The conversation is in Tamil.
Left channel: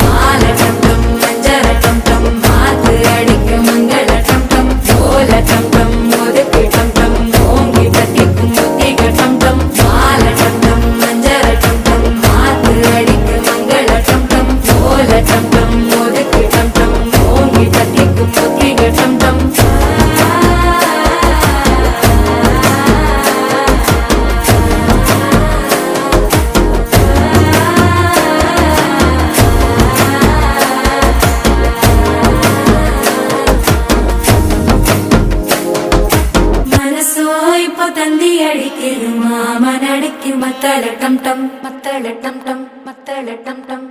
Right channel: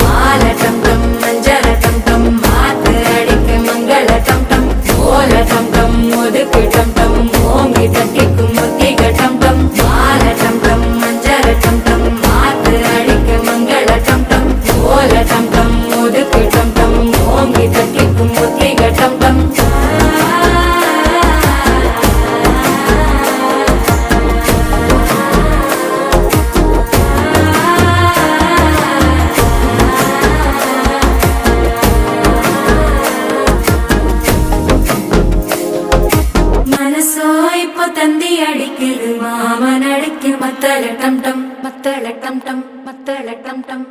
மால டம் டம் மஞ்சள டம் டம் மாத்து அடிக்க மங்கள டம் டம் ஓல டம் டம் ஒதுக்கு டம் டம் ஓங்கி தட்டிக்கும் புத்திக டம் டம் மால டம் டம் மஞ்சள டம் டம் மாத்து அடிக்க மங்கள டம் டம் ஓல டம் டம் ஒதுக்கு டம் டம் ஓங்கி தட்டிக்கும் புத்திக டம் டம் மனசோ இப்போ தந்தி அடிக்குது மாமன் அடிக்கும் மத்தள டம் டம் மத்தள டம் டம் மத்தள டம் டம்